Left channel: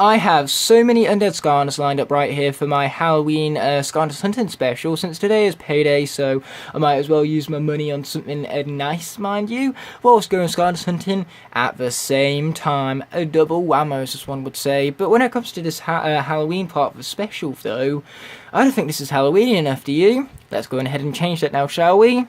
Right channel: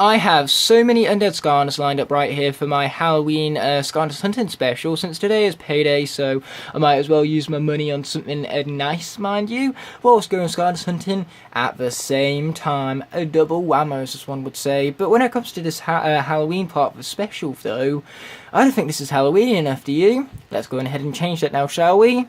I have so many undead Skylanders lined up right here for my Halloween Skylanders hunting special, since today is payday, so I might as well use my money on something nice, mind you, whilst going Skylanders hunting at the same time. A double whammo, as one would say. But when it comes to this Halloween part of the special, though, I don't think this is Halloween enough, do you? Let's go ahead and change that now, shall we?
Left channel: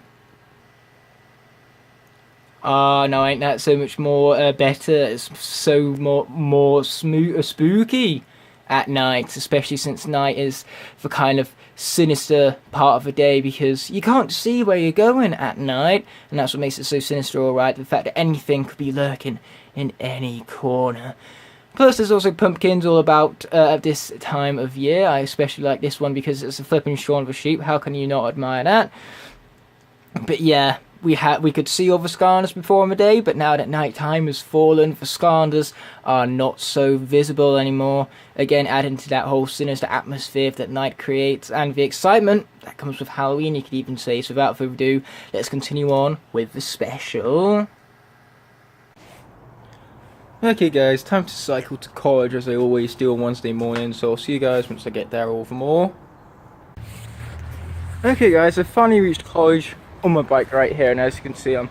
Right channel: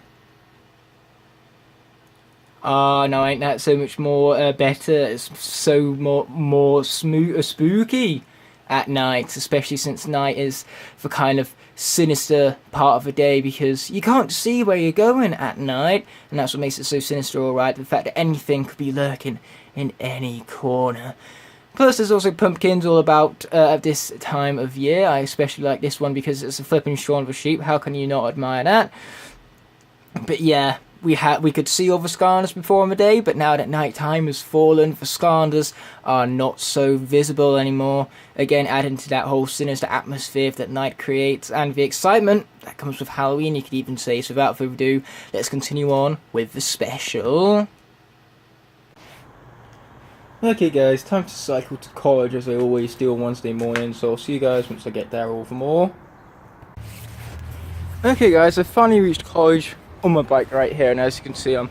No, ain't that so much more better? It's so more spooky at night, especially since night is the kind of sinister part of the day, because you can't see where you're going at night, and that's what makes it so sinister, alright, the fact that anything could be lurking in any corner. Plus, there's also pumpkins all about at this time of year. I especially like this one because it's a flipping Shaun of a Sheep. How can you not admire that? But yeah, we could see all the Skylanders before in the day, but now that night time has fallen, the Skylanders are not so visible anymore. Again, adding to that whole sinister atmosphere that night creates, and the excitement that comes with Halloween, you could even say. So without further ado, let's continue on with the special. Okay guys, time to cycle to college as I always do on Wednesday morning, so I'll see you guys once I get there all the more. Okay guys, I finally reached college on my bike right here, and as you can see, I'm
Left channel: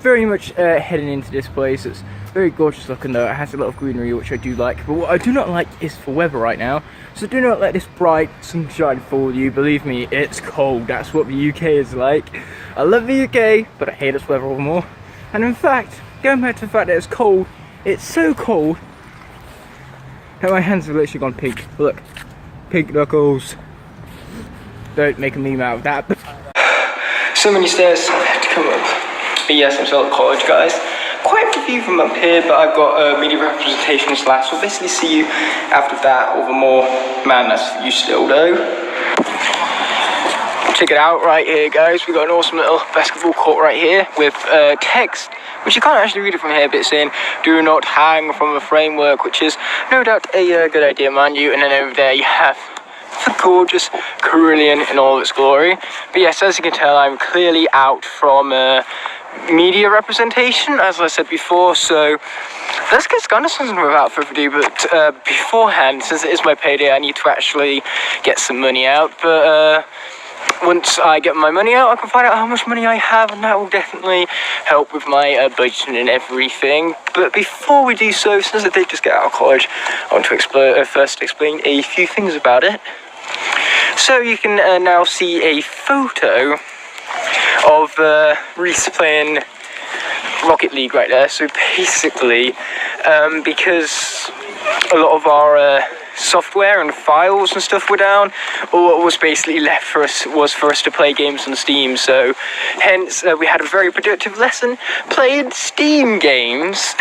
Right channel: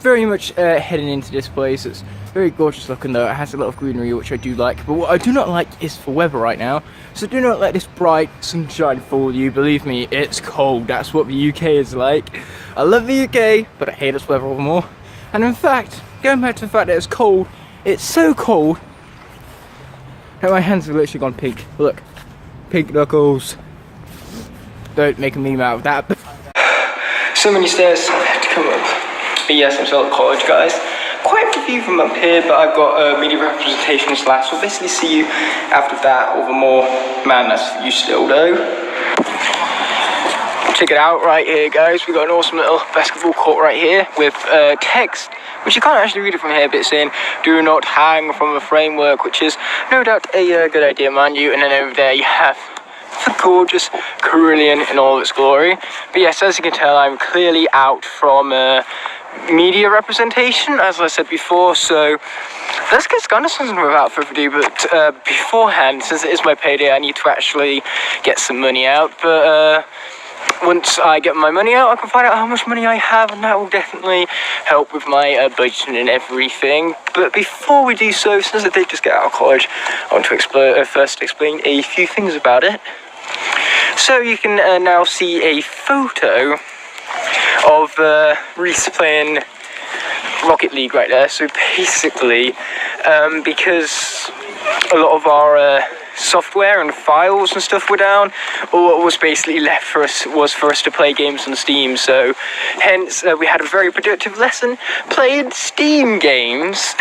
very much heading into this place. It's very gorgeous looking though. It has a lot of greenery, which I do like, but what I do not like is the weather right now. So do not let this bright sunshine fool you. Believe me, it's cold. That's what the UK is like. I love the UK, but I hate its weather all the more. And in fact, going back to the fact that it's cold, it's so cold that my hands have literally gone pink. Look, pink knuckles. Don't make a meme out of that. So many stairs I have to come up. But yes, I'm still at college, guys. Quite a few from up here, but I've got a media representation class. So I'll basically see you after that or the more. Man, that's you still though. Check it out right here, guys. We've got an awesome little basketball court right here with text, which you can't actually read it from here, but it's saying, "Do not hang from the framework," which is no doubt a good idea, mind you. And then over there you have the gorgeous Carillion in all its glory. But yes, as you can tell, I'm clearly out from media representation, as I said before, so let's get Skylanders without further ado. But beforehand, since it is my payday, I need to actually get some money out. But once I get my money out, I can find out how much money I have, and that will definitely help with my budgeting and everything. But before we do so, since I did just get out of college, I want to first explain a few things about it. So you can now see a photo of Reese playing Rocket League right there. So basically, because a lot of our software and files and stuff were down, all what was basically left for us was for us to play games on Steam. So hence we had a very productive lesson playing Steam games.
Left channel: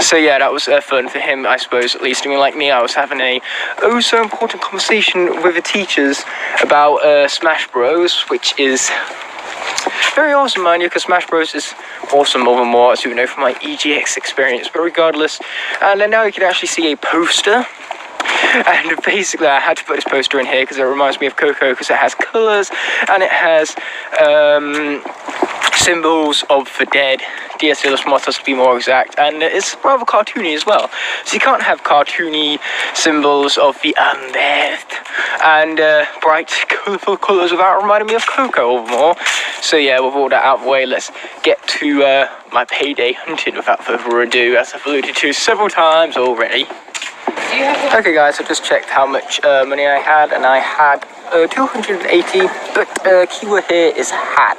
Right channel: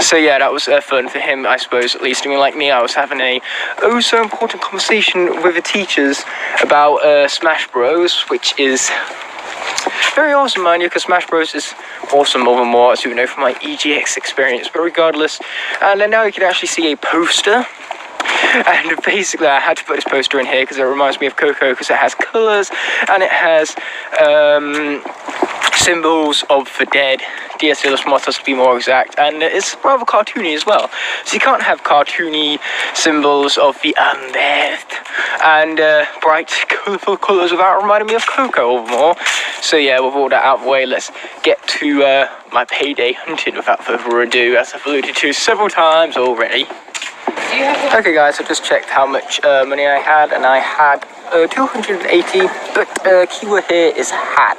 So yeah, that was fun for him, I suppose, at least. I mean, like me, I was having a so important conversation with the teachers about Smash Bros, which is very awesome, mind you, because Smash Bros is awesome over more, as you know from my EGX experience. But regardless, and then now you can actually see a poster. And basically I had to put this poster in here because it reminds me of Coco, because it has colours and it has symbols of the dead, Dias de los Muertos to be more exact, and it's rather cartoony as well. So you can't have cartoony symbols of the undead and bright, colourful colours without reminding me of Coco or more. So yeah, with all that out of the way, let's get to my payday hunting without further ado, as I've alluded to several times already. Okay guys, I've just checked how much money I had, and I had 280, but keyword here is had.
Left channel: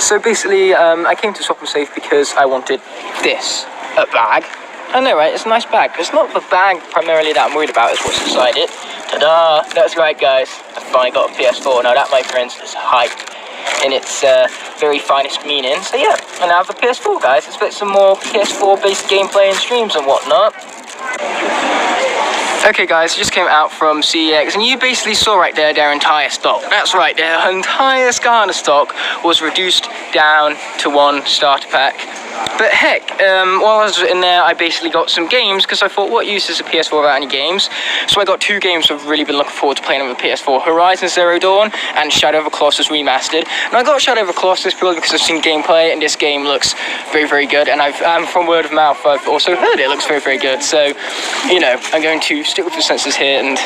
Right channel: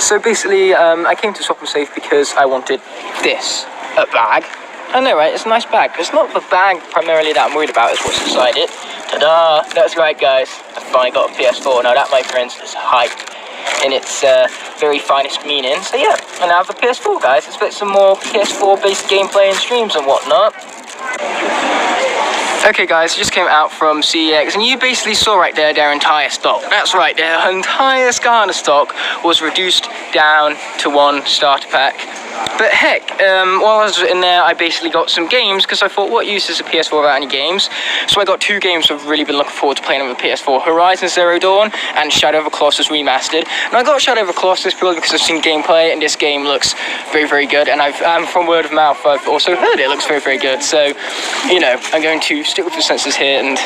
So basically, I came to Swap and Save because I wanted this, a bag. I know, right? It's a nice bag. It's not the bag primarily that I'm worried about, it's what's inside it. Ta-da! That's right, guys. I finally got a PS4. Now that, my friends, is hype in its very finest meaning. So yeah, and I have a PS4, guys. Expect some more PS4-based gameplay and streams and whatnot. Okay guys, I just came out from CEX, and you basically saw right there their entire stock. That's right, their entire Skylander stock was reduced down to one starter pack But heck, while I was in there, I basically got some games, because I thought, what use is a PS4 without any games? So I got 2 games I've really been looking forward to playing on the PS4, Horizon Zero Dawn and Shadow of the Colossus Remastered. And I got Shadow of the Colossus purely because I've seen gameplay, and this game looks very, very good. And from word of mouth, I've also heard it looks very, very good. So, you know, I'm going to stick with the senses here and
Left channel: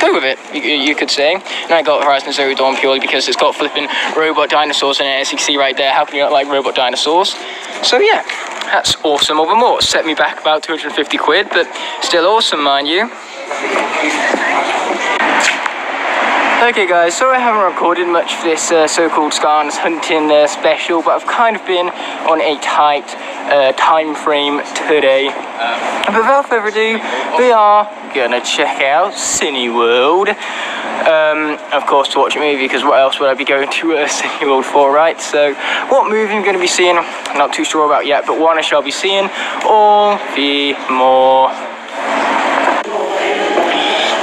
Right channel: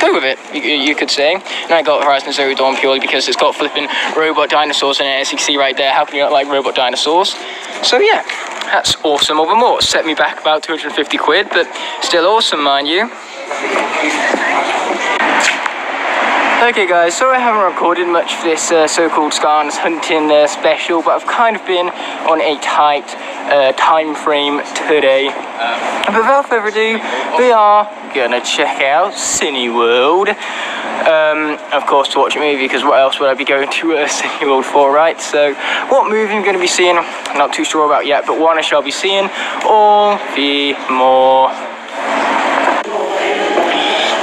go with it, you could say. And I got Horizon Zero Dawn purely because it's got flipping robot dinosaurs in it, as you can see right there. How can you not like robot dinosaurs? So yeah, that's awesome over more. Set me back about 250 quid, but still awesome, mind you. Okay guys, so I haven't recorded much for this so-called Skylanders hunting special, but I've kind of been on a tight time frame today. But without further ado, we are gonna check out Cineworld. Of course, to watch a movie, because what else would I be going to Cineworld for, right? So, what movie I'm going to be seeing, I'm not too sure about yet, but one I shall be seeing all the more.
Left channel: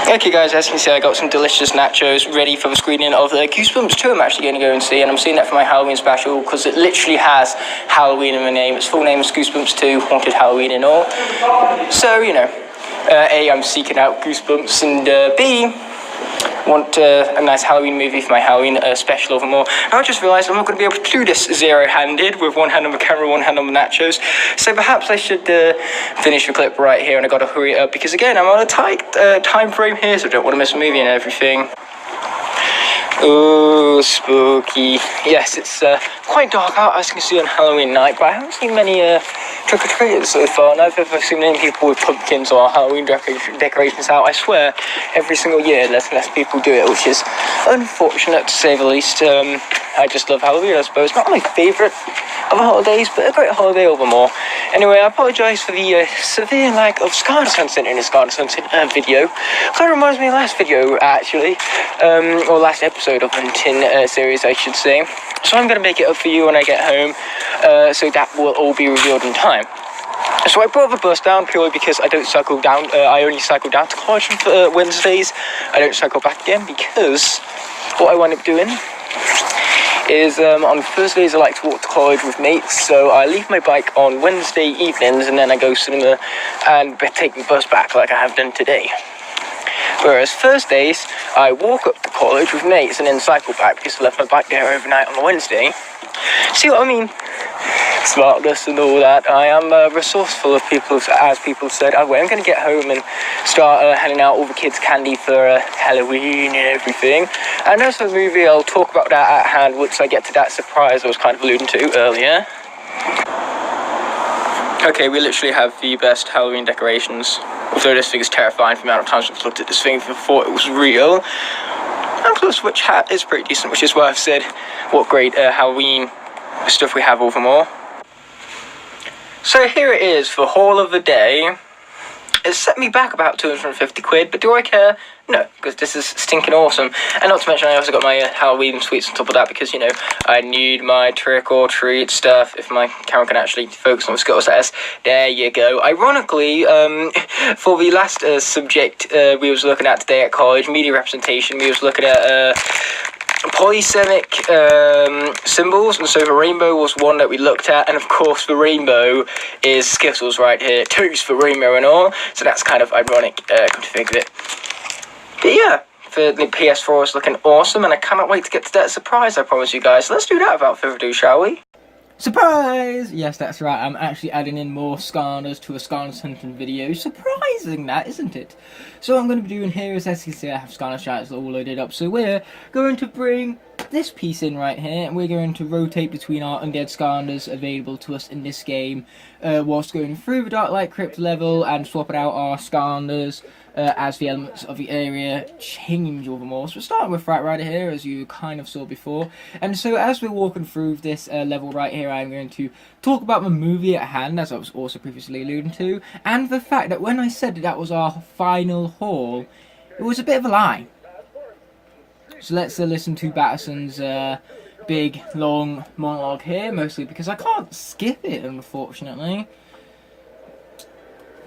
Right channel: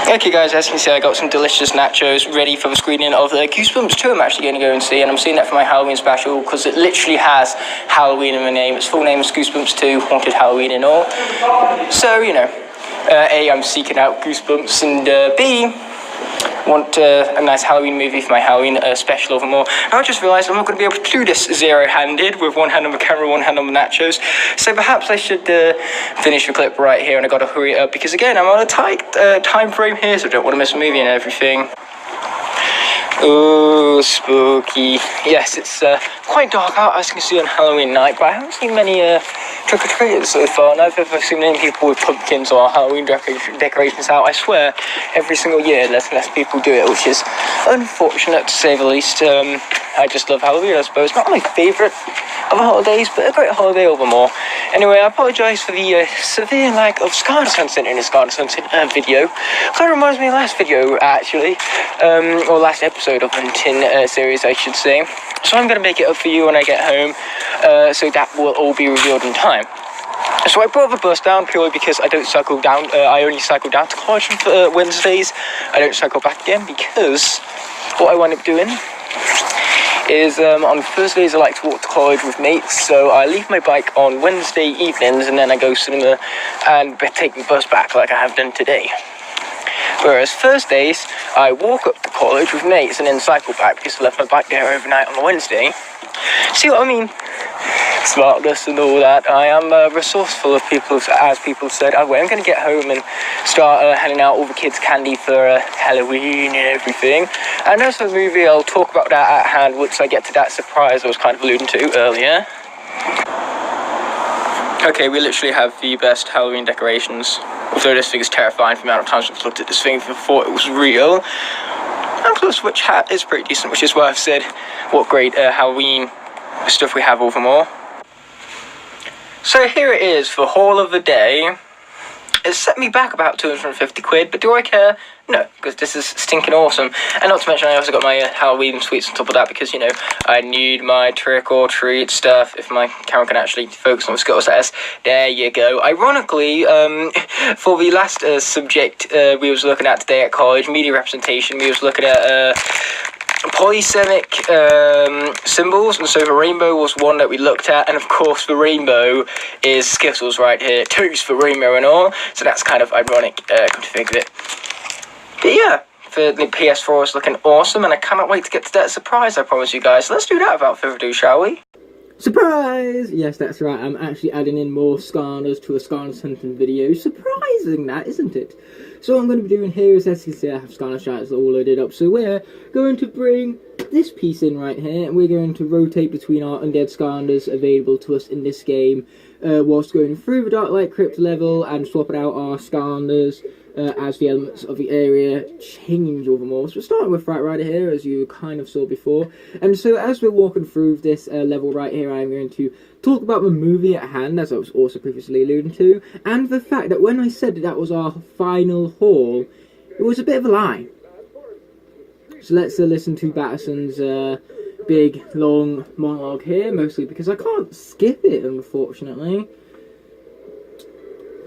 Okay guys, as you can see, I got some delicious nachos ready for the screening of Goosebumps 2 I'm actually going to go and see, and I'm seeing that for my Halloween special, because it literally has Halloween in the name. Its full name is Goosebumps 2, Haunted Halloween and all. So, you know, A, I'm seeking out Goosebumps, and B, want a nice Halloween movie for my Halloween special over more. And I just realised I'm not going to be able to do this zero-handed with one hand on the camera, one hand on the nachos. So perhaps I should finish the clip right here, and I got to hurry it up because again I'm on a tight time frame here, so I don't want to miss a movie and everything. Oh, spooky. Yes, it's quite dark out, as you can see, on Halloween night, but I haven't seen many trick-or-treaters so far, and I've never seen many people with pumpkins or Halloween decorations out. I swear, every single year, less and less people do it, which is unfortunate, to say the least. I just love Halloween, I suppose. Not my favourite of the holidays, but a great holiday over more. Anyway, I apologise for the severe lack of Skylanders Hunting in this Skylanders Hunting video. Kind of reminds me of last video, actually, or last episode of Hunting series, I should say. So I'm going to make it up for you when I get home, so that will all be revealed in time. So I brought the bus down purely because I don't cycle down, I only cycle down to college on Wednesdays. I don't cycle back again because what I wind up doing is on Thursdays I like to walk to college with mates, so I leave my bike on Wednesday evenings and then I go cinema and take the bus back like I have done today. Whereas Thursdays, I walk up to college with mates and then cycle back because I left my bike there overnight on the Wednesday. See what I mean? Smartness and all that. I am resourceful, as people said. Anyway, I'm going to get home and start handing out all the kids' candy for Halloween and everything. And as for the movie, I'll talk about that at hand once I get to that surprise I was kind of alluding to earlier. Okay, we literally have the best Halloween decorations. Although this thing is terrifying for the amount of times I've looked at this thing and thought it was real. And plus, which hat is pretty decent, which is why I've said what great Halloween stuff we have over more. So here it is for haul of the day. It set me back about 250 quid, but do I care? No, because this is stinking awesome. And not to mention I also got my Halloween sweets on top of that because, you know, I need my trick-or-treat stuff if my camera can actually focus on the Scuttle status. There you go. Ironically, for the last subject we was looking at today at college, media representation, we was looking at polysemic symbols, and so the rainbow was one that we looked at, and of course the rainbow is Skittles right here, toast for rainbow and all, so that's kind of ironic, come to think of it. But yeah, the PS4 is looking awesome, and I cannot wait to get to that surprise I promised you guys. So let's do that without further ado, shall we? Surprise! Yes, that's right, I'm actually adding in more Skylanders to a Skylanders Hunting video. Surprising that, isn't it? So what I'm going to be doing here is, as you can see, I have Skylanders Shoutouts all loaded up. So we're going to bring this piece in right here, and we're going to rotate between our undead Skylanders available to us in this game, whilst going through the Dark Light Crypt level and swapping out our Skylanders as the elements of the area change over more. So we're starting with right here, as you kind of saw before. And so as we're walking through this level right here, I'm going to talk about the movie at hand, as I was also previously alluding to, and the fact that when I said that was our final haul, it was a bit of a lie. So let's listen to Batterson's big, long monologue here, mostly because I can't skip it, unfortunately.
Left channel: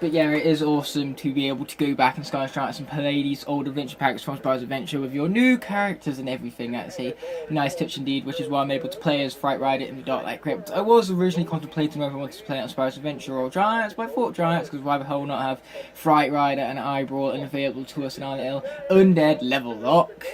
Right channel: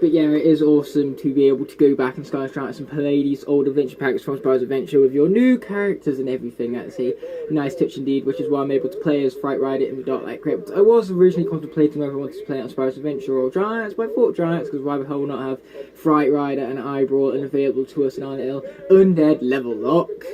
But yeah, it is awesome to be able to go back in Skylanders Giants and play these old adventure packs from Spyro's Adventure with your new characters and everything. That's a nice touch indeed, which is why I'm able to play as Fright Rider in the Dark Light Crypt. I was originally contemplating whether I wanted to play it on Spyro's Adventure or Giants, but I thought Giants, because why the hell not have Fright Rider and Eyebrow and available to us in our little undead level lock.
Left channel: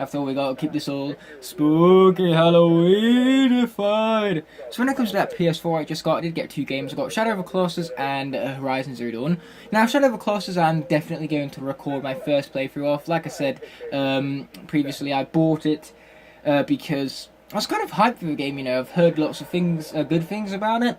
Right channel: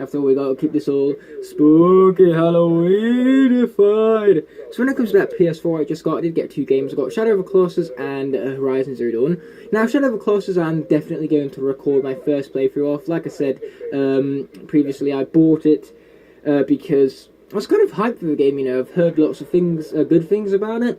After all, we gotta keep this all spooky Halloweenified. So when it comes to that PS4 I just got, I did get 2 games. I got Shadow of the Colossus and Horizon Zero Dawn. Now, Shadow of the Colossus, I'm definitely going to record my first playthrough off. Like I said previously, I bought it because I was kind of hyped for the game, you know. I've heard lots of things, good things about it,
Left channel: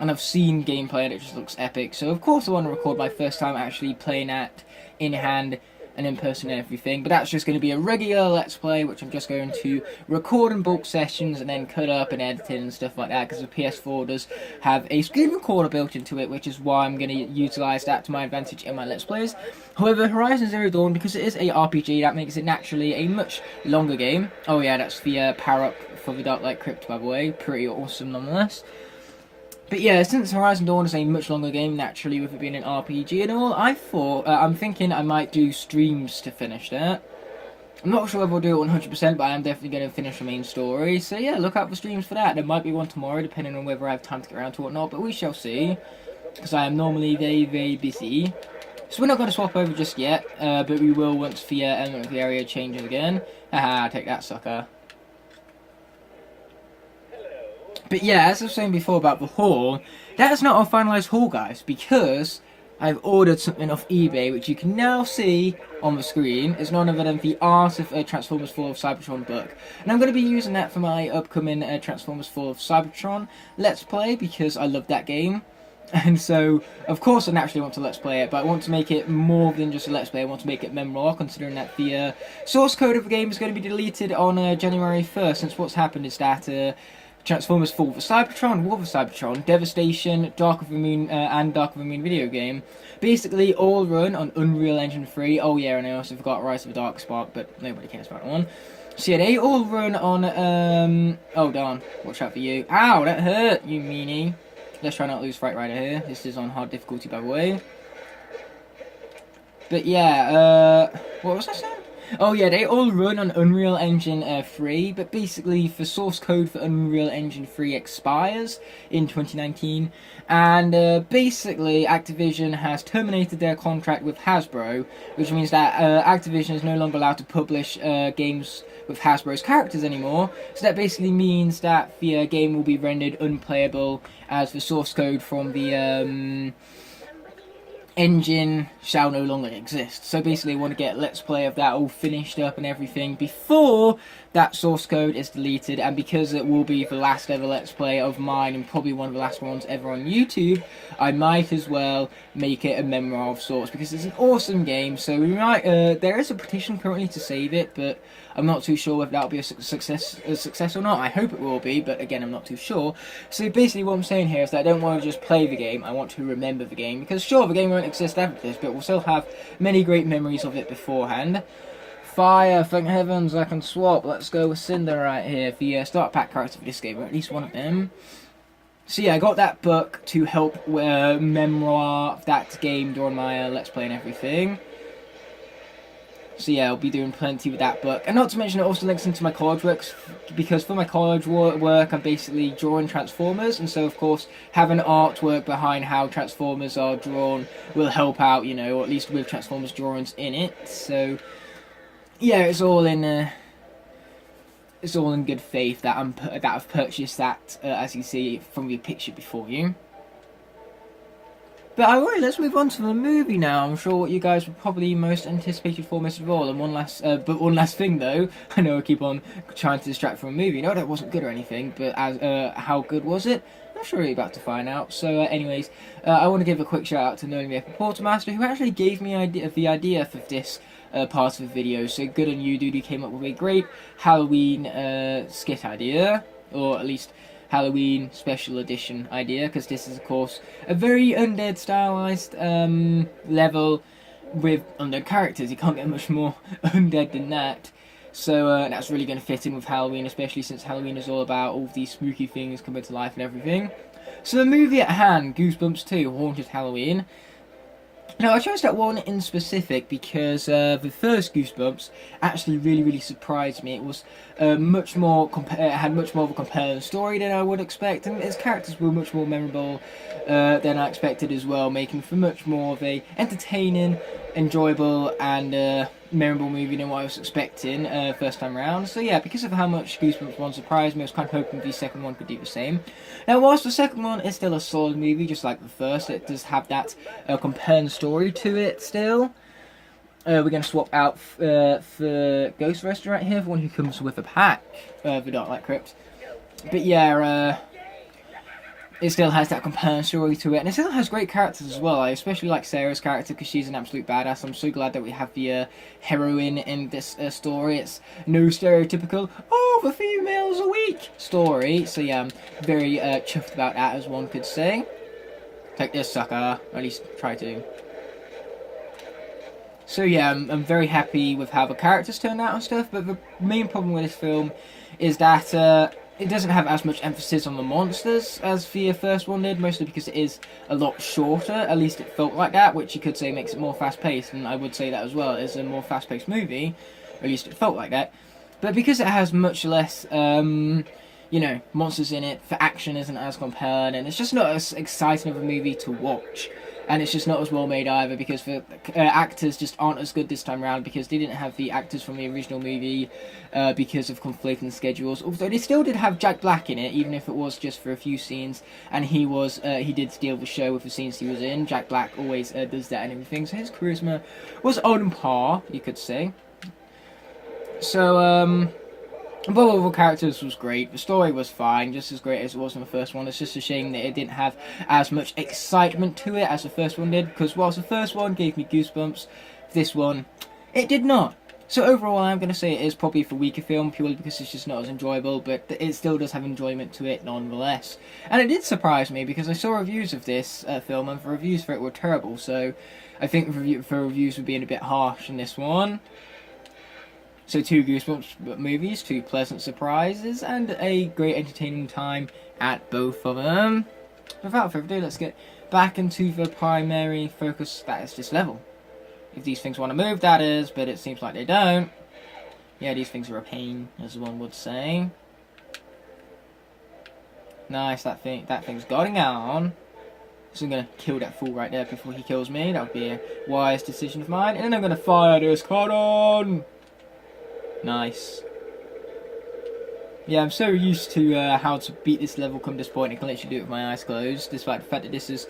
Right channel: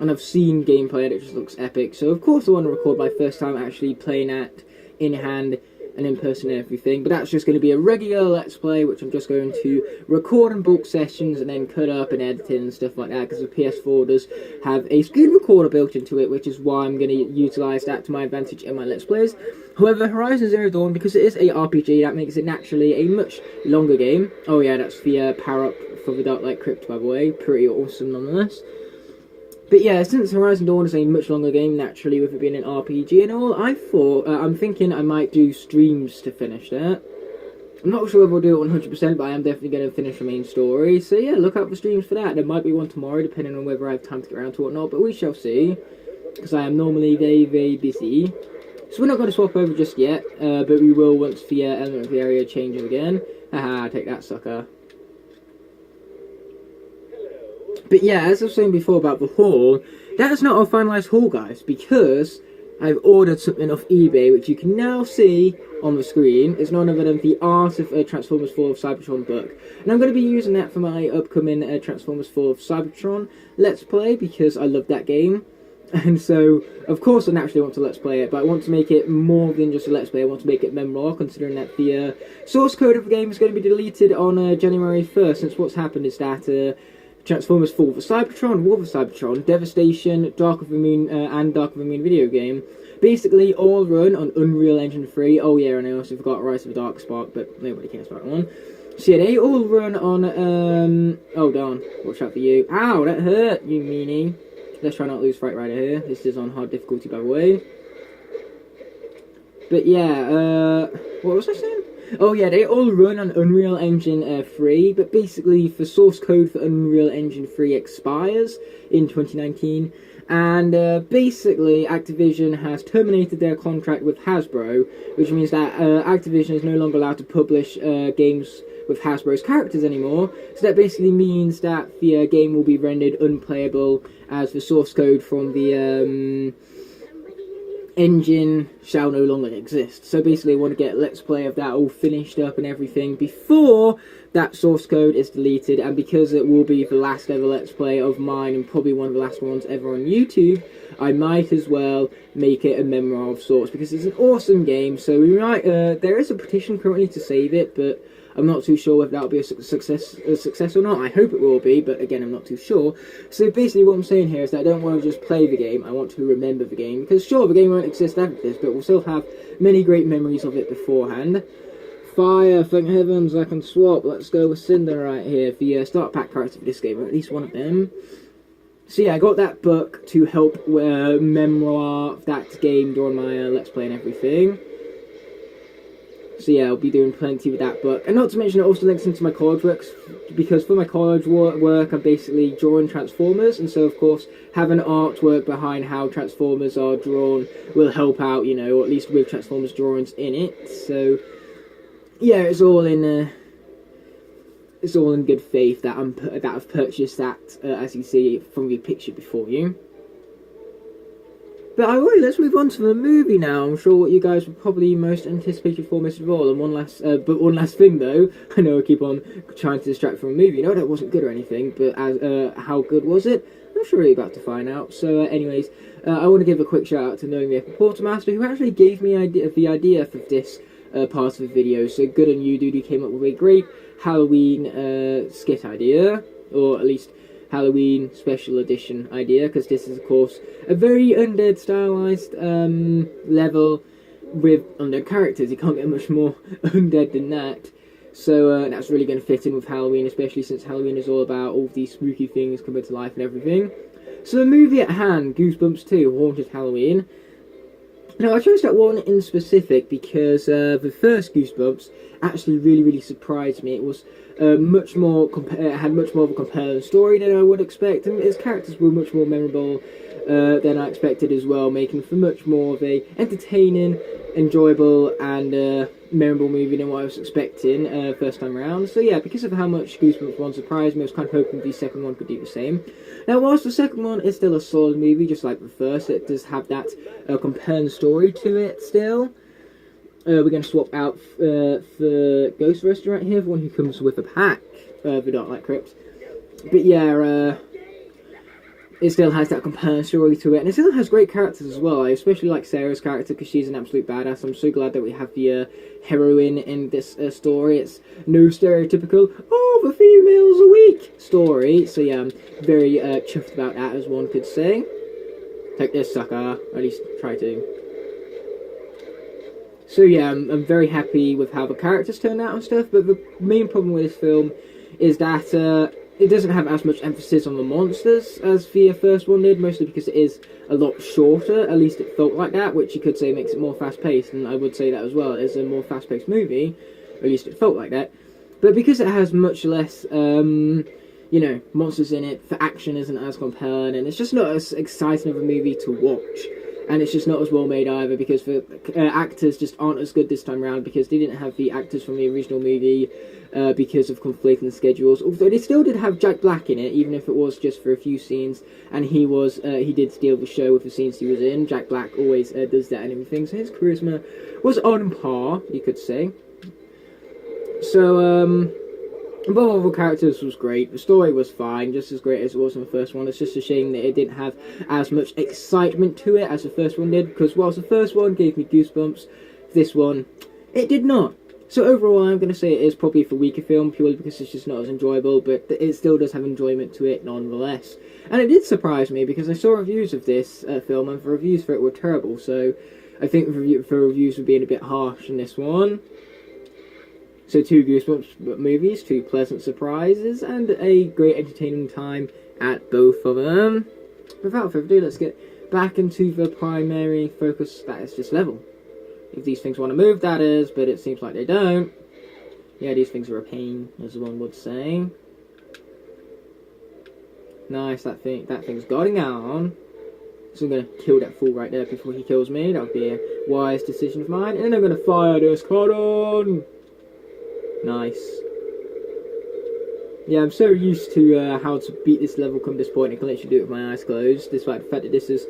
and I've seen gameplay and it just looks epic. So of course I want to record my first time actually playing that in hand and in person and everything, but that's just going to be a regular Let's Play, which I'm just going to record in bulk sessions and then cut up and edit in and stuff like that, because the PS4 does have a screen recorder built into it, which is why I'm going to utilise that to my advantage in my Let's Plays. However, Horizon Zero Dawn, because it is a RPG, that makes it naturally a much longer game. Oh yeah, that's the power-up for the Dark Light Crypt, by the way. Pretty awesome nonetheless. But yeah, since Horizon Dawn is a much longer game, naturally, with it being an RPG and all, I'm thinking I might do streams to finish that. I'm not sure if I'll do it 100%, but I am definitely going to finish the main story. So yeah, look out for streams for that. There might be one tomorrow, depending on whether I have time to get around to it or not, but we shall see. Because I am normally very, very busy. So we're not going to swap over just yet, but we will once the element of the area changes again. Haha, take that, sucker. But yeah, as I was saying before about the haul, that is not our finalised haul, guys, because I've ordered something off eBay, which you can now see on the screen. It's none other than the Art of Transformers 4 of Cybertron book. And I'm going to be using that for my upcoming Transformers 4 of Cybertron Let's Play, because I love that game. And so, of course, I naturally want to Let's Play it, but I want to make it more than just a Let's Play. I want to make it memorable, considering that the source code of the game is going to be deleted on January 1st, since what's happened is that Transformers 4 for Cybertron, War for Cybertron, Devastation, Dark of the Moon, and Dark of the Moon video game, basically all run on Unreal Engine 3. Oh yeah, and I also forgot Rise of the Dark Spark, but nobody cares about that one. So yeah, they all run on, oh darn, watch out for you. Ow, that hurt, you meanie. Let's try not to lose Fright Rider here. This is on hard difficulty, by the way. But yeah, what was I saying? Oh yeah, they all run on Unreal Engine 3, but basically the source code for Unreal Engine 3 expires in 2019, and basically Activision has terminated their contract with Hasbro, which means that Activision is no longer allowed to publish games with Hasbro's characters anymore, so that basically means that the game will be rendered unplayable, as the source code from the engine shall no longer exist. So basically I want to get Let's Play of that all finished up and everything before that source code is deleted, and because it will be the last ever Let's Play of mine and probably one of the last ones ever on YouTube, I might as well make it a memoir of sorts, because it's an awesome game. So we might there is a petition currently to save it, but I'm not too sure if that'll be a success or not. I hope it will be, but again, I'm not too sure. So basically what I'm saying here is that I don't want to just play the game, I want to remember the game, because sure, the game won't exist after this, but we'll still have many great memories of it beforehand. Fire, thank heavens, I can swap. Let's go with Cinder right here, the start pack character for this game, or at least one of them. So yeah, I got that book to help memoir that game during my Let's Play and everything. So yeah, I'll be doing plenty with that book. And not to mention, it also links into my college works, because for my college work, I'm basically drawing Transformers, and so of course, having artwork behind how Transformers are drawn will help out, you know, or at least with Transformers drawings in it. So yeah, it's all in good faith that I've purchased that, as you see from the picture before you. But alright, let's move on to the movie now. I'm sure what you guys were probably most anticipated for most of all. And one last thing though, I know I keep on trying to distract from a movie. No, that wasn't good or anything, but how good was it? I'm sure you're about to find out. So anyways, I want to give a quick shout out to Knowing the Quartermaster, who actually gave me the idea for this part of the video. So good on you, dude. You came up with a great Halloween skit idea, or at least Halloween special edition idea, because this is of course a very undead stylized level with undead characters. You can't get much more undead than that. So that's really going to fit in with Halloween, especially since Halloween is all about all of these spooky things coming to life and everything. So the movie at hand, Goosebumps 2, Haunted Halloween. Now, I chose that one in specific because the first Goosebumps actually really surprised me. It was much more it had much more of a compelling story than I would expect, and its characters were much more memorable than I expected as well, making for much more of a entertaining, enjoyable, and memorable movie than what I was expecting first time round. So yeah, because of how much Goosebumps 1 surprised me, I was kind of hoping the second one could do the same. Now, whilst the second one is still a solid movie, just like the first, it does have that compelling story to it still. We're going to swap out for Ghost Restaurant here, the one who comes with a pack, the Dark Light Crypt. But yeah, it still has that compelling story to it, and it still has great characters as well. I especially like Sarah's character because she's an absolute badass. I'm so glad that we have the heroine in this story. It's no stereotypical, oh, the females a week story. So yeah, I'm very chuffed about that, as one could say. Take this, sucker. Or at least try to. So yeah, I'm very happy with how the characters turned out and stuff, but the main problem with this film is that it doesn't have as much emphasis on the monsters as the first one did, mostly because it is a lot shorter. At least it felt like that, which you could say makes it more fast-paced, and I would say that as well. It's a more fast-paced movie, or at least it felt like that. But because it has much less, you know, monsters in it, the action isn't as compelling, and it's just not as exciting of a movie to watch. And it's just not as well made either, because the actors just aren't as good this time around, because they didn't have the actors from the original movie because of conflicting schedules. Although they still did have Jack Black in it, even if it was just for a few scenes, and he did steal the show with the scenes he was in. Jack Black always does that and everything, so his charisma was on par, you could say. So, both of the characters was great. The story was fine, just as great as it was in the first one. It's just a shame that it didn't have as much excitement to it as the first one did, because whilst the first one gave me goosebumps, this one, it did not. So overall, I'm going to say it is probably a weaker film, purely because it's just not as enjoyable, but it still does have enjoyment to it nonetheless. And it did surprise me, because I saw reviews of this film, and the reviews for it were terrible, so I think the reviews were being a bit harsh in this one. So 2 Goosebumps movies, 2 pleasant surprises, and a great entertaining time at both of them. Without further ado, let's get back into the primary focus, that is this level. If these things want to move, that is, but it seems like they don't. Yeah, these things are a pain, as one would say. Nice, that thing's going on. So I'm going to kill that fool right there before he kills me. That would be a wise decision of mine. And then I'm going to fire this cannon. Nice. Yeah, I'm so used to how to beat this level come this point. I can literally do it with my eyes closed, despite the fact that this is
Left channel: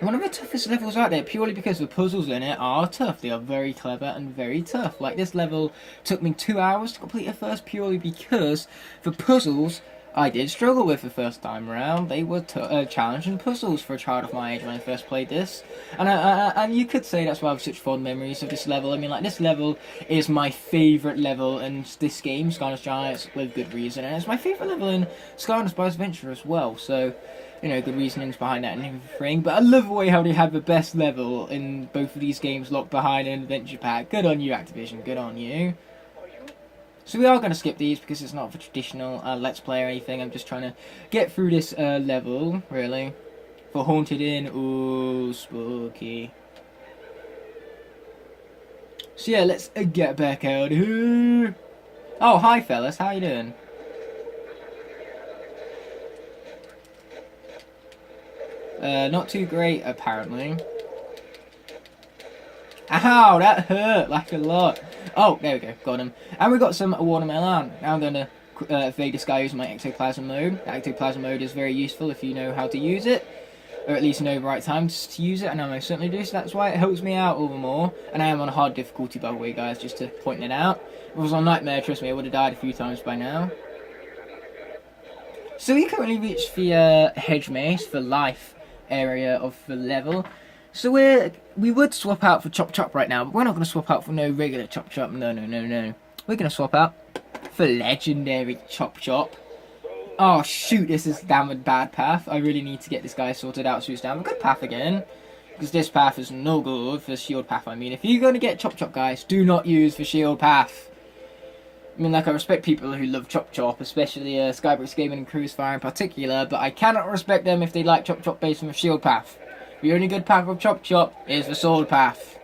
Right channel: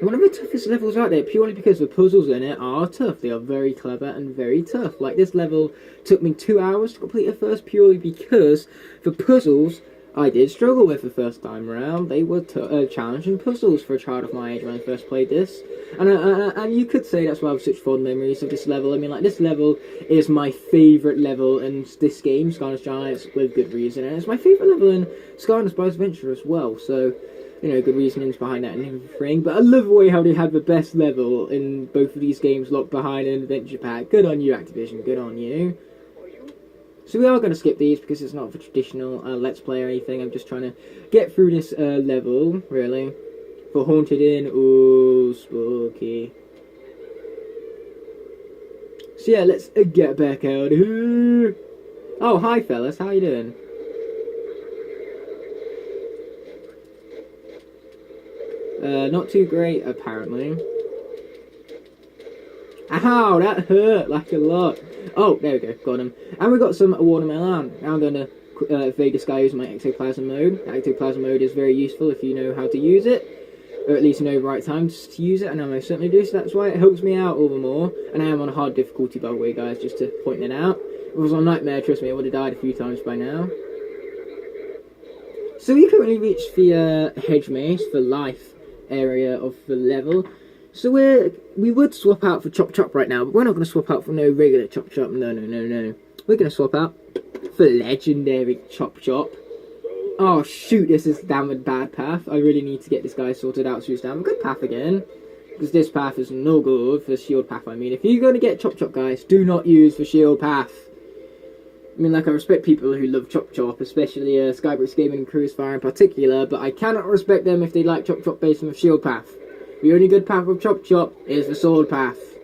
one of the toughest levels out there, purely because the puzzles in it are tough. They are very clever and very tough. Like, this level took me 2 hours to complete at first, purely because the puzzles I did struggle with the first time around. They were challenging puzzles for a child of my age when I first played this. And you could say that's why I have such fond memories of this level. I mean, like, this level is my favourite level in this game, Skylanders Giants, with good reason. And it's my favourite level in Skylanders Bryce Adventure as well, so, you know, good reasonings behind that and everything. But I love the way how they have the best level in both of these games locked behind an adventure pack. Good on you, Activision, good on you. So we are going to skip these because it's not for traditional Let's Play or anything. I'm just trying to get through this level, really. For Haunted Inn, ooh, spooky. So yeah, let's get back out of here. Oh, hi fellas, how you doing? Not too great, apparently. Ow, that hurt like a lot. Oh, there we go, got him. And we got some watermelon. Now I'm going to evade this guy using my ectoplasm mode. The ectoplasm mode is very useful if you know how to use it, or at least know the right time to use it, and I most certainly do, so that's why it helps me out all the more. And I am on a hard difficulty, by the way, guys, just to point it out. If it was on Nightmare, trust me, I would have died a few times by now. So we currently reached the hedge maze for life area of the level. So we would swap out for Chop Chop right now, but we're not going to swap out for no regular Chop Chop. No. We're going to swap out for legendary Chop Chop. Oh shoot, this is down a bad path. I really need to get this guy sorted out so he's down a good path again. Because this path is no good for shield path, I mean. If you're going to get Chop Chop, guys, do not use the shield path. I mean, like, I respect people who love Chop Chop, especially Skybricks Gaming and Cruise Fire in particular, but I cannot respect them if they like Chop Chop based on the shield path. The only good path of Chop Chop is the sword path.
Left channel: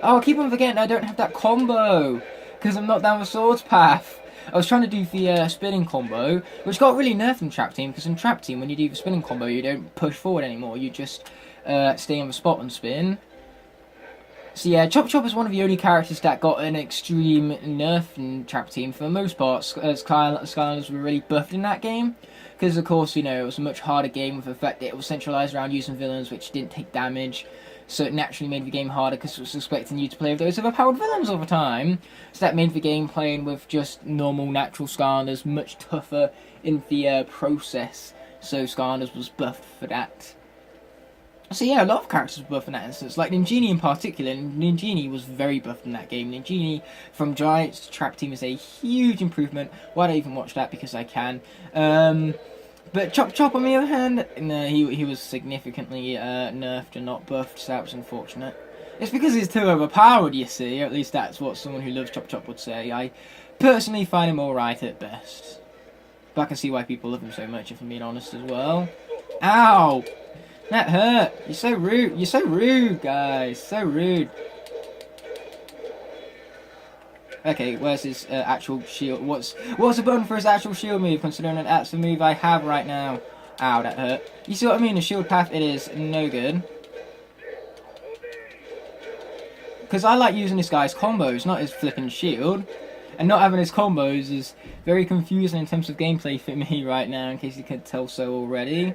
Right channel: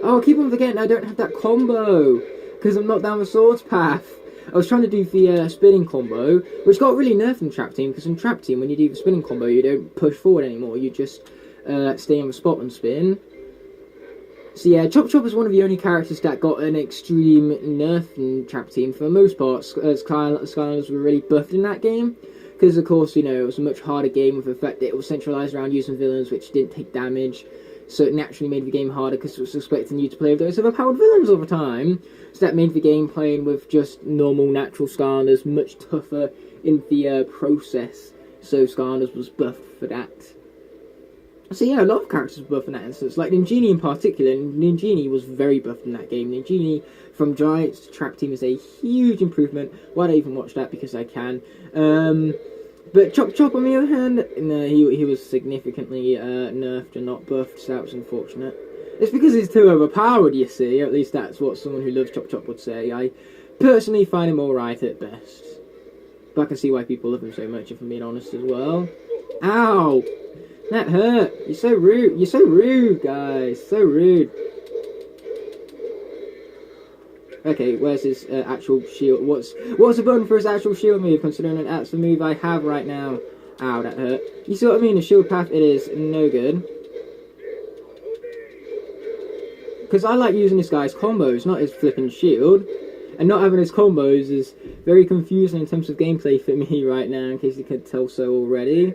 Oh, I keep on forgetting I don't have that combo, because I'm not down the swords path. I was trying to do the spinning combo, which got really nerfed in Trap Team, because in Trap Team, when you do the spinning combo, you don't push forward anymore, you just stay on the spot and spin. So yeah, Chop Chop is one of the only characters that got an extreme nerf in Trap Team. For the most part, Skylanders were really buffed in that game, because of course, you know, it was a much harder game with the fact that it was centralised around using villains which didn't take damage, so it naturally made the game harder because it was expecting you to play with those overpowered villains all the time. So that made the game playing with just normal, natural Skylanders much tougher in the process, so Skylanders was buffed for that. So yeah, a lot of characters were buffed in that instance, like Ninjini in particular. Ninjini was very buffed in that game. Ninjini from Giants to Trap Team is a huge improvement. Why don't I even watch that? Because I can. But Chop Chop on the other hand, no, he was significantly nerfed and not buffed, so that was unfortunate. It's because he's too overpowered, you see, or at least that's what someone who loves Chop Chop would say. I personally find him alright at best. But I can see why people love him so much, if I'm being honest as well. Ow! That hurt! You're so rude! You're so rude, guys! So rude! Okay, where's his actual shield? What's the button for his actual shield move, considering that that's the move I have right now? Ow, that hurt. You see what I mean? The shield path, it is no good. Because I like using this guy's combos, not his flipping shield. And not having his combos is very confusing in terms of gameplay for me right now, in case you could tell so already.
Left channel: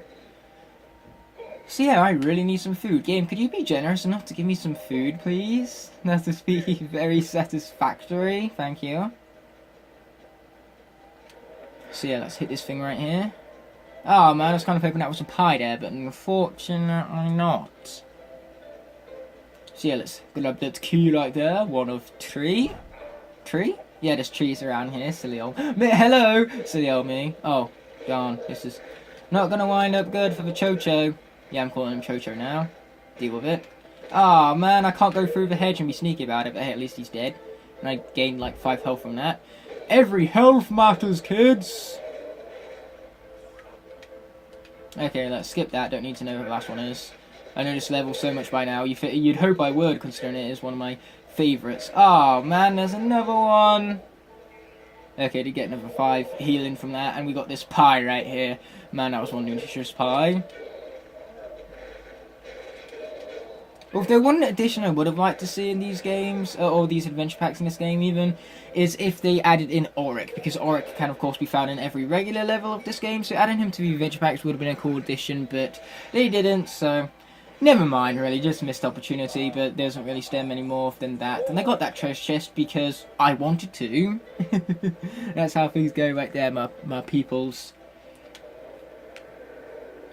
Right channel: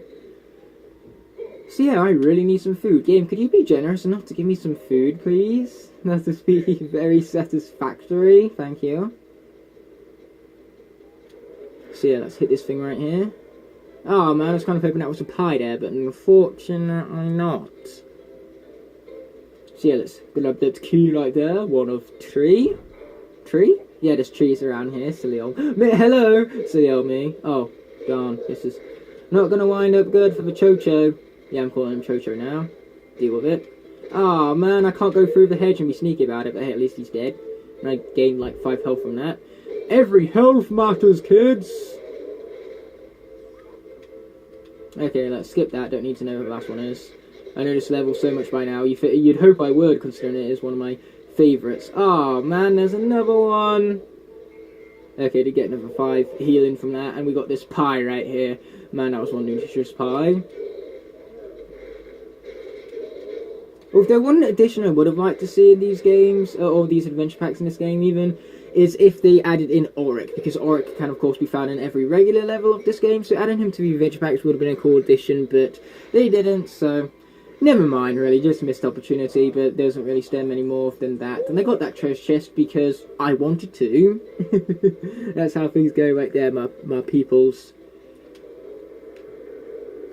So yeah, I really need some food. Game, could you be generous enough to give me some food, please? That would be very satisfactory. Thank you. So yeah, let's hit this thing right here. Oh man, I was kind of hoping that was a pie there, but unfortunately not. So yeah, let's grab that key right there. One of three. Tree? Yeah, there's trees around here. Silly old me. Hello! Silly old me. Oh, darn. This is not gonna wind up good for the Cho-Cho. Yeah, I'm calling him Cho-Cho now. Deal with it. Ah, oh, man, I can't go through the hedge and be sneaky about it, but hey, at least he's dead. And I gained like 5 health from that. Every health matters, kids! Okay, let's skip that. Don't need to know who the last one is. I know this level so much by now. You'd hope I would, considering it is one of my favourites. Oh, man, there's another one. Okay, to get another 5 healing from that. And we got this pie right here. Man, that was one nutritious pie. Well, if there one addition I would have liked to see in these games, or these adventure packs in this game even, is if they added in Auric, because Auric can of course be found in every regular level of this game, so adding him to the adventure packs would have been a cool addition, but they didn't, so never mind really, just missed opportunity, but doesn't really stem any more than that. And they got that treasure chest because I wanted to. That's how things go right there, my peoples.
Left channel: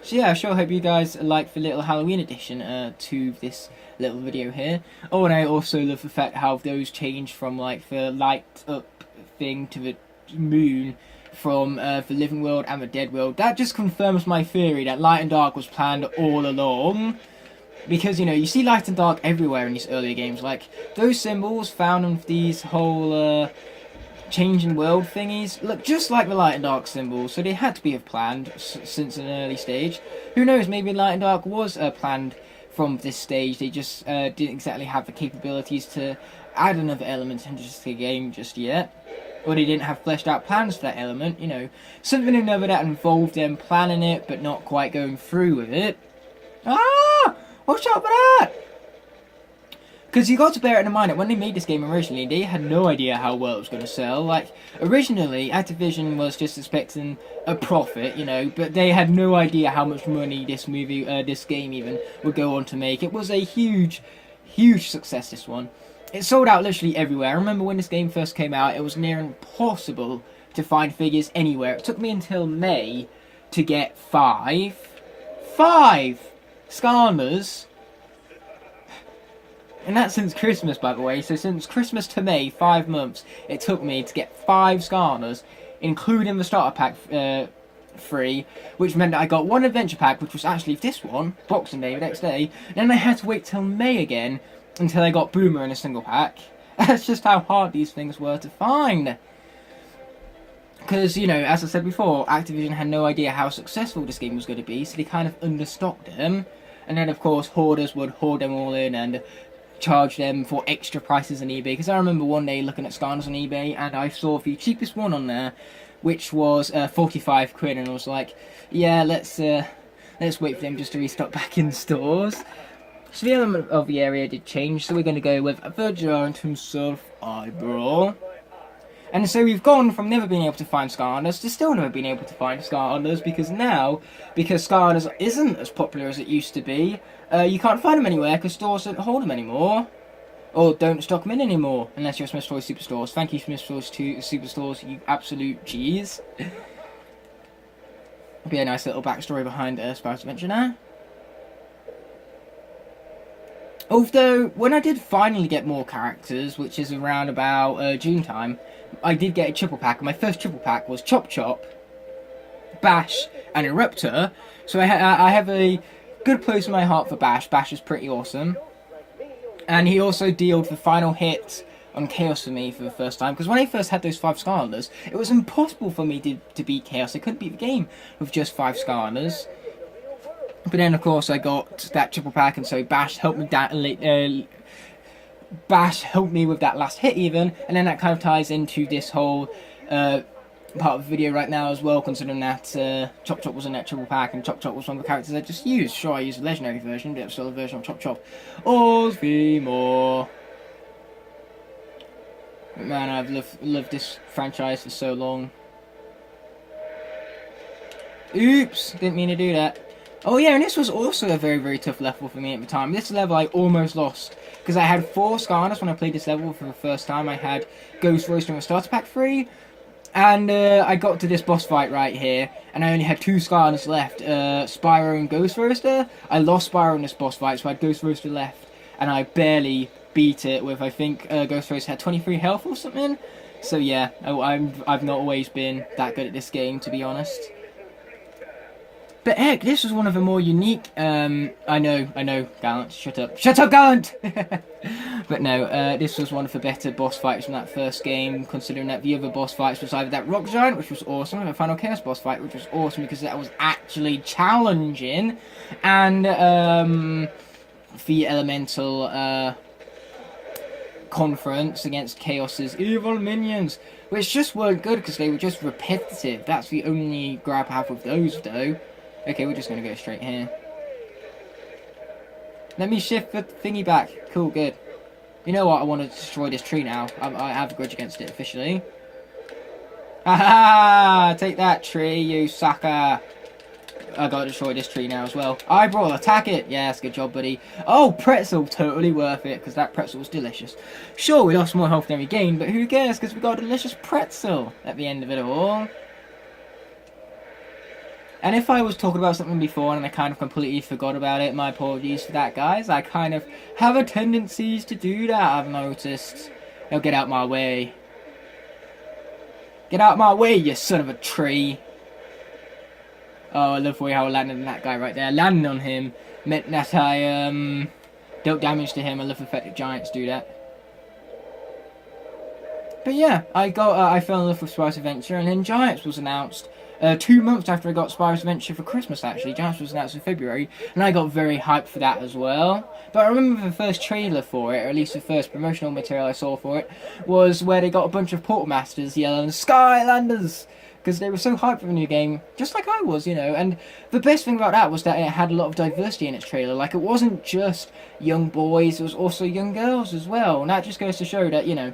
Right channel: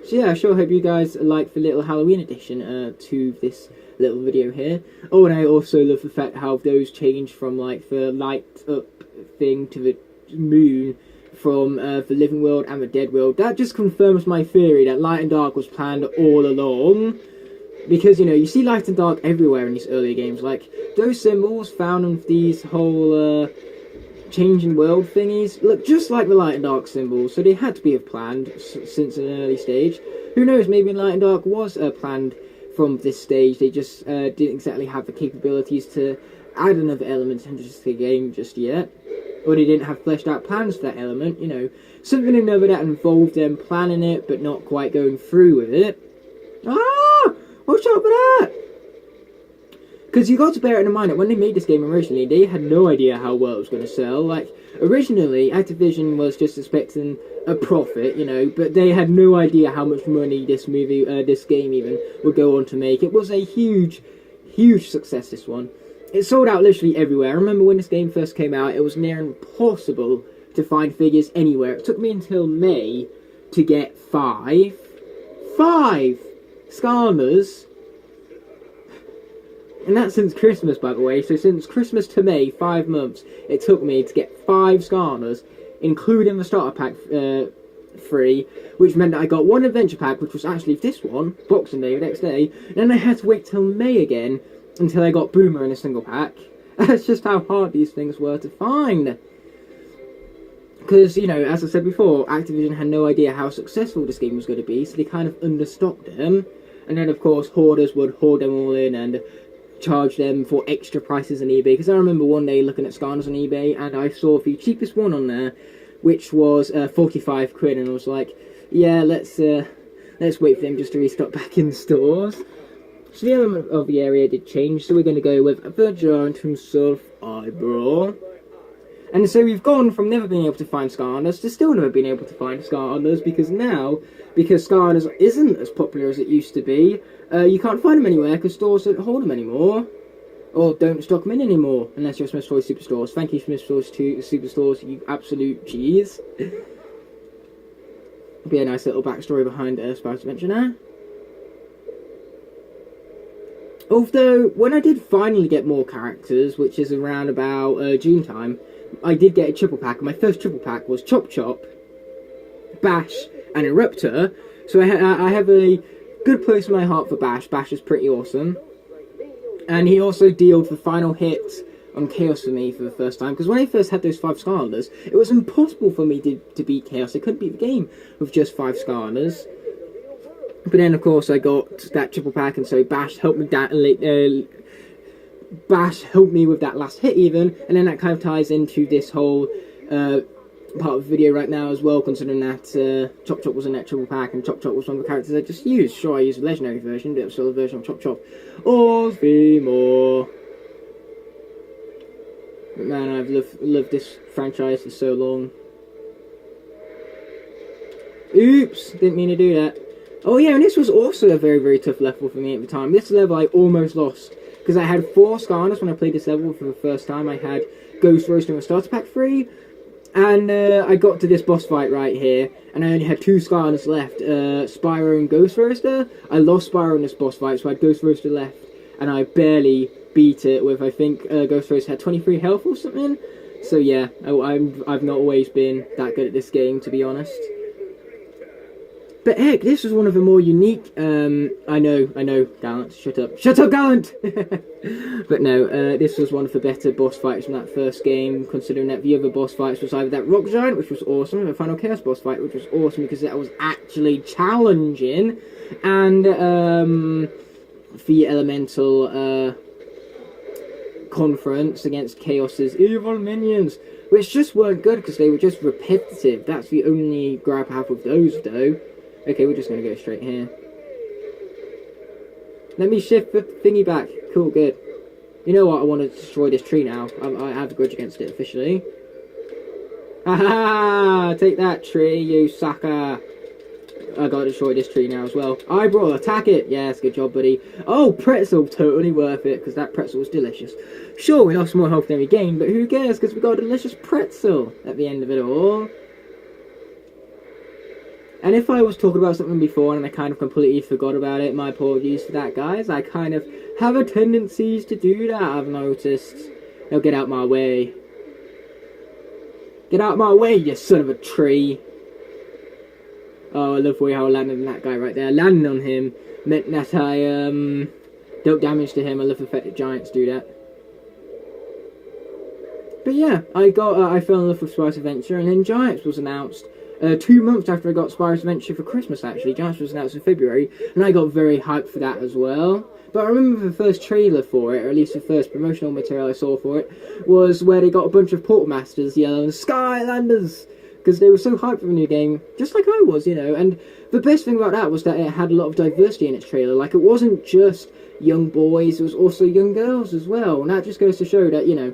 So yeah, I sure hope you guys like the little Halloween edition to this little video here. Oh, and I also love the fact how those changed from like the light up thing to the moon from the living world and the dead world. That just confirms my theory that light and dark was planned all along. Because, you know, you see light and dark everywhere in these earlier games. Like, those symbols found on these whole changing world thingies look just like the light and dark symbols, so they had to be planned since an early stage. Who knows, maybe light and dark was planned from this stage, they just didn't exactly have the capabilities to add another element into the game just yet. Or they didn't have fleshed out plans for that element, you know, something or another that involved them planning it but not quite going through with it. Ah! Watch out for that! Because you got to bear it in mind that when they made this game originally, they had no idea how well it was going to sell. Like, originally, Activision was just expecting a profit, you know, but they had no idea how much money this game even, would go on to make. It was a huge, huge success, this one. It sold out literally everywhere. I remember when this game first came out, it was near impossible to find figures anywhere. It took me until May to get 5 Skylanders. And that's since Christmas, by the way. So since Christmas to May, 5 months, it took me to get 5 Skylanders, including the starter pack free, which meant that I got 1 adventure pack, which was actually this one, Boxing Day, the next day. And then I had to wait till May again until I got Boomer in a single pack. That's just how hard these things were to find. Because, you know, as I said before, Activision had no idea how successful this game was going to be, so they kind of understocked them. And then, of course, hoarders would hoard them all in and charge them for extra prices on eBay. Because I remember one day looking at Skylanders on eBay, and I saw the cheapest one on there, which was 45 quid, and I was like, yeah, let's wait for them just to restock back in stores. So the element of the area did change, so we're going to go with the giant himself, Eyebrow. And so we've gone from never being able to find Skylanders to still never being able to find Skylanders, because now, because Skylanders isn't as popular as it used to be, you can't find them anywhere because stores don't hold them anymore. Or don't stock them in anymore, unless you're Smith's Toys Superstores. Thank you, Smith's Toys Superstores, you absolute cheese. Be a nice little backstory behind Spyro's Adventure now. Although, when I did finally get more characters, which is around about June time, I did get a triple pack, and my first triple pack was Chop Chop, Bash, and Eruptor. So I have a good place in my heart for Bash. Bash is pretty awesome. And he also dealt the final hit on Chaos for me for the first time, because when I first had those 5 Skylanders, it was impossible for me to beat Chaos. I couldn't beat the game with just 5 Skylanders. But then, of course, I got that triple pack, and so Bash helped me Bash helped me with that last hit even, and then that kind of ties into this whole part of the video right now as well, considering that Chop Chop was in that triple pack, and Chop Chop was one of the characters I just used. Sure, I used the legendary version, but it was still a version of Chop Chop. Or more. But man, I've loved this franchise for so long. Oops, didn't mean to do that. Oh yeah, and this was also a very, very tough level for me at the time. This level I almost lost, because I had 4 Skylanders when I played this level for the first time. I had Ghost Roaster and Starter Pack 3, and I got to this boss fight right here, and I only had 2 Skylanders left, Spyro and Ghost Roaster. I lost Spyro in this boss fight, so I had Ghost Roaster left, and I barely beat it with, I think, Ghost Roaster had 23 health or something. So yeah, I've not always been that good at this game, to be honest. But heck, this was one of the more unique, I know, Gallant, shut up, Gallant! But no, this was one of the better boss fights from that first game, considering that the other boss fights was either that Rock Giant, which was awesome, and the Final Chaos boss fight, which was awesome because that was actually challenging, and the Elemental conference against Chaos's evil minions, which just weren't good because they were just repetitive. That's the only grab I have with those, though. Okay, we're just going to go straight here. Let me shift the thingy back. Cool, good. You know what? I want to destroy this tree now. I have a grudge against it, officially. Ha! Take that, tree, you sucker. I got to destroy this tree now as well. Eyebrow, attack it. Yes, good job, buddy. Oh, pretzel, totally worth it, because that pretzel was delicious. Sure, we lost more health than we gained, but who cares, because we got a delicious pretzel at the end of it all. And if I was talking about something before and I kind of completely forgot about it, my apologies for that, guys. I kind of have a tendency to do that, I've noticed. Now get out my way. Get out my way, you son of a tree. Oh, I love the way how I landed on that guy right there. Landing on him meant that I dealt damage to him. I love the fact that giants do that. But yeah, I fell in love with Spyro's Adventure, and then Giants was announced 2 months after I got Spyro's Adventure for Christmas, actually. Giants was announced in February, and I got very hyped for that as well. But I remember the first trailer for it, or at least the first promotional material I saw for it, was where they got a bunch of Portal Masters yelling, Skylanders! Because they were so hyped for the new game, just like I was, you know. And the best thing about that was that it had a lot of diversity in its trailer. Like, it wasn't just young boys, it was also young girls as well. And that just goes to show that, you know,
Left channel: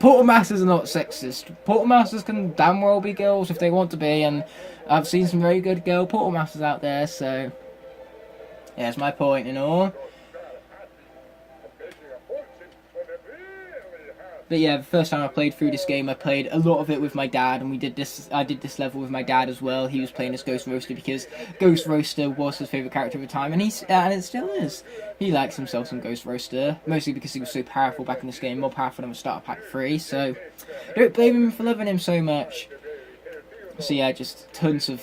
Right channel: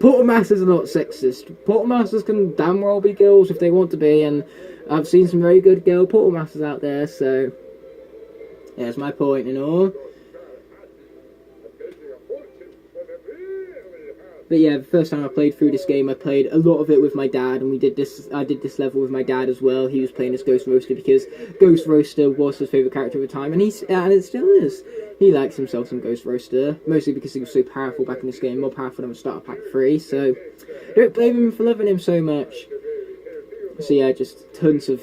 Portal Masters are not sexist. Portal Masters can damn well be girls if they want to be, and I've seen some very good girl Portal Masters out there, so yeah, that's my point and all. But yeah, the first time I played through this game, I played a lot of it with my dad, and I did this level with my dad as well. He was playing as Ghost Roaster because Ghost Roaster was his favourite character at the time, and it still is. He likes himself some Ghost Roaster, mostly because he was so powerful back in this game, more powerful than Starter Pack 3, so don't blame him for loving him so much. So yeah, just tons of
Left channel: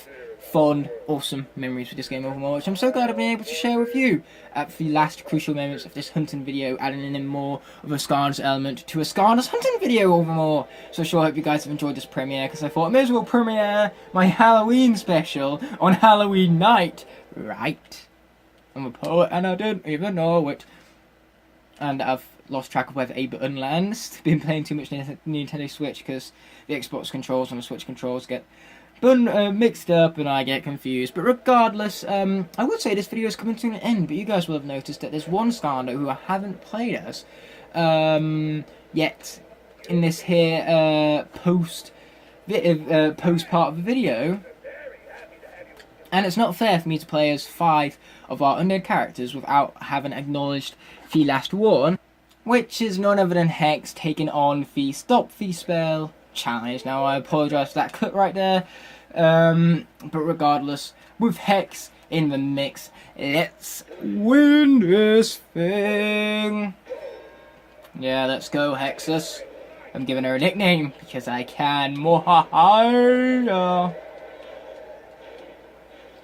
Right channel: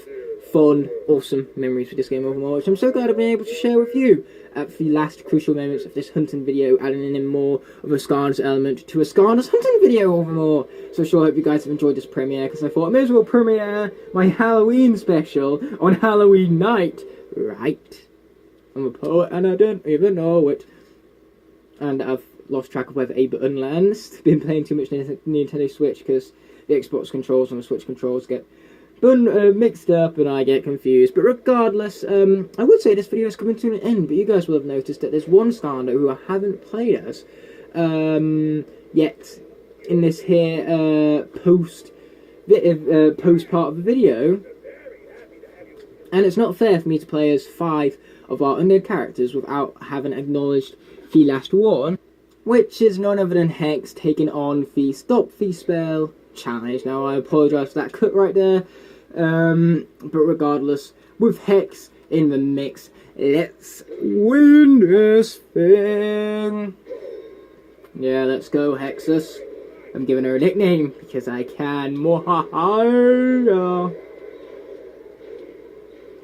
fond, awesome memories with this game overall, which I'm so glad I've been able to share with you at the last crucial moments of this hunting video, adding in more of a Skylanders element to a Skylanders hunting video overall. So I sure hope you guys have enjoyed this premiere, because I thought I may as well premiere my Halloween special on Halloween night, right? I'm a poet and I don't even know it. And I've lost track of whether A button lands. Been playing too much Nintendo Switch because the Xbox controls and the Switch controls get mixed up and I get confused. But regardless, I would say this video is coming to an end, but you guys will have noticed that there's one Skylander who I haven't played as yet in this here post part of the video. And it's not fair for me to play as 5 of our undead characters without having acknowledged the last one, which is none other than Hex taking on the Stop the Spell challenge. Now I apologise for that cut right there, but regardless, with Hex in the mix, let's win this thing. Yeah, let's go Hexus. I'm giving her a nickname because I can. Mohaha.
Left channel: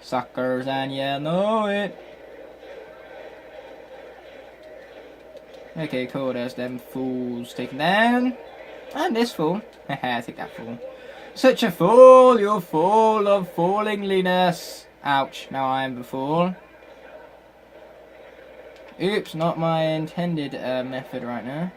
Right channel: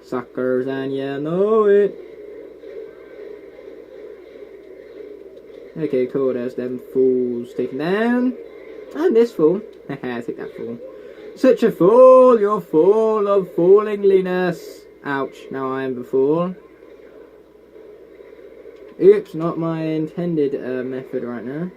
Suckers, and you know it. Okay, cool, there's them fools taken down. And this fool. Haha, take that fool. Such a fool, you're full of foolingliness. Ouch, now I am the fool. Oops, not my intended method right now.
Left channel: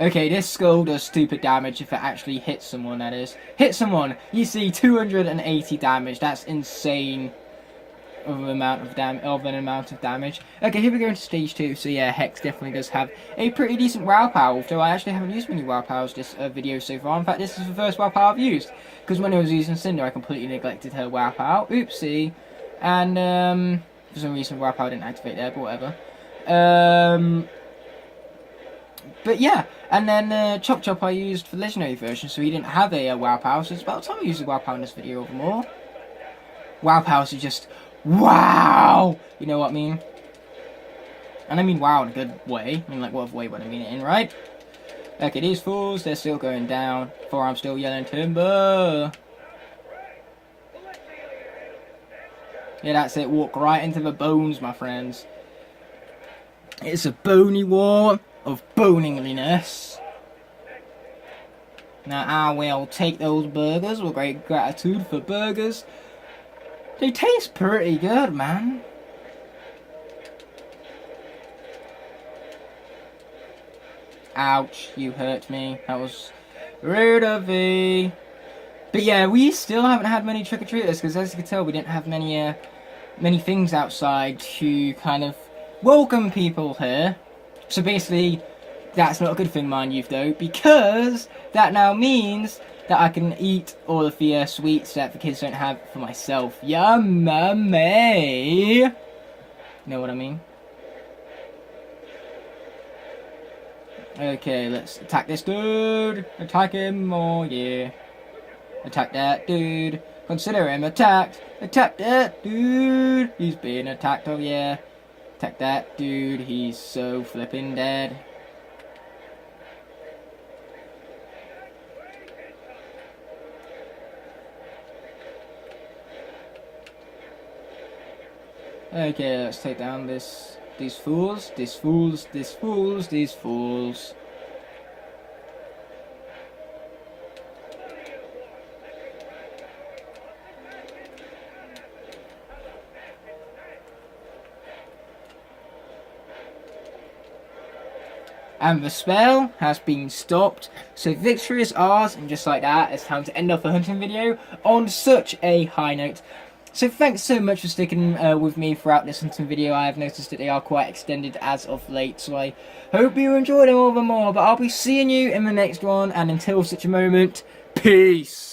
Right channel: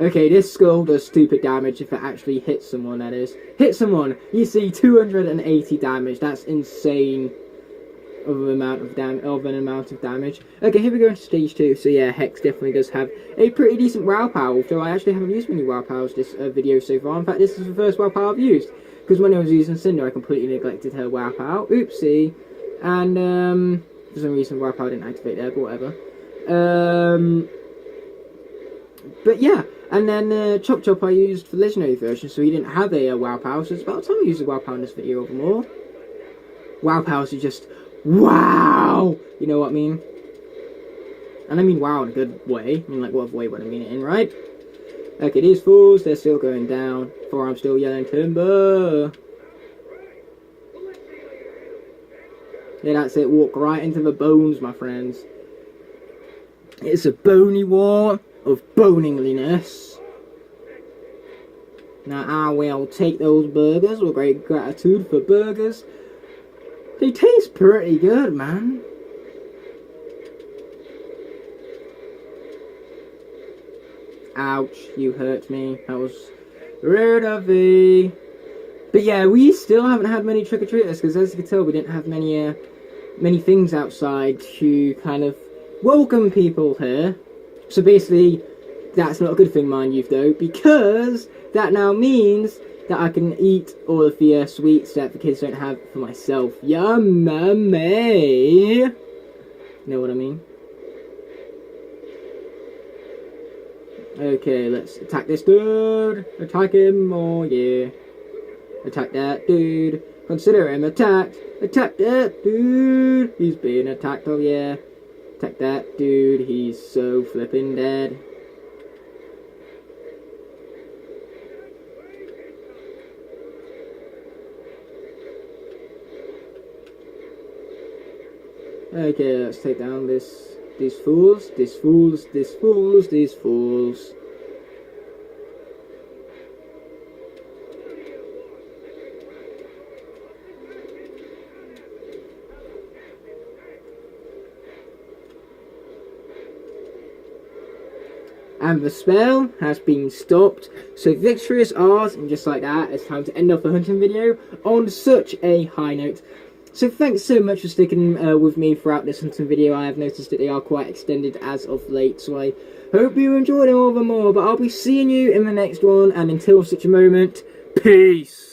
Okay, this skull does stupid damage if it actually hits someone, that is. Hit someone! You see 280 damage, that's insane. Of an amount of damage. Okay, here we go into stage 2. So yeah, Hex definitely does have a pretty decent WoW power, although I actually haven't used many WoW powers this video so far. In fact, this is the first WoW power I've used, because when I was using Cinder, I completely neglected her WoW power. Oopsie. And for some reason WoW power didn't activate there, but whatever. But yeah, and then Chop Chop I used for the legendary version, so he didn't have a WoW power, so it's about time I used a WoW power in this video over more. WoW powers are just wow! You know what I mean? And I mean wow in a good way. I mean, like, what way would I mean it in, right? Okay, these fools, they're still going down. For I'm still yelling timber. Yeah, that's it. Walk right into the bones, my friends. It's a bony war of boningliness. Now, I will take those burgers with great gratitude for burgers. They taste pretty good, man. Ouch, you hurt me. That was rude of me. But yeah, we still haven't had many trick-or-treaters, because as you can tell, we didn't have many things outside to kind of welcome people here. So basically, that's not a good thing, mind you, though, because that now means that I can eat all of the sweets that the kids don't have for myself. Yummy! You know what I mean? Okay, let's attack this dude. Attack him, oh yeah. Attack that dude. Consider him attacked. Attack that dude. He's being attacked, oh yeah. Attack that dude. He's so flipping dead. Okay, let's take down these fools. And the spell has been stopped, so victory is ours, and just like that, it's time to end off the hunting video on such a high note. So thanks so much for sticking with me throughout this hunting video. I have noticed that they are quite extended as of late, so I hope you enjoyed them all the more. But I'll be seeing you in the next one, and until such a moment, peace!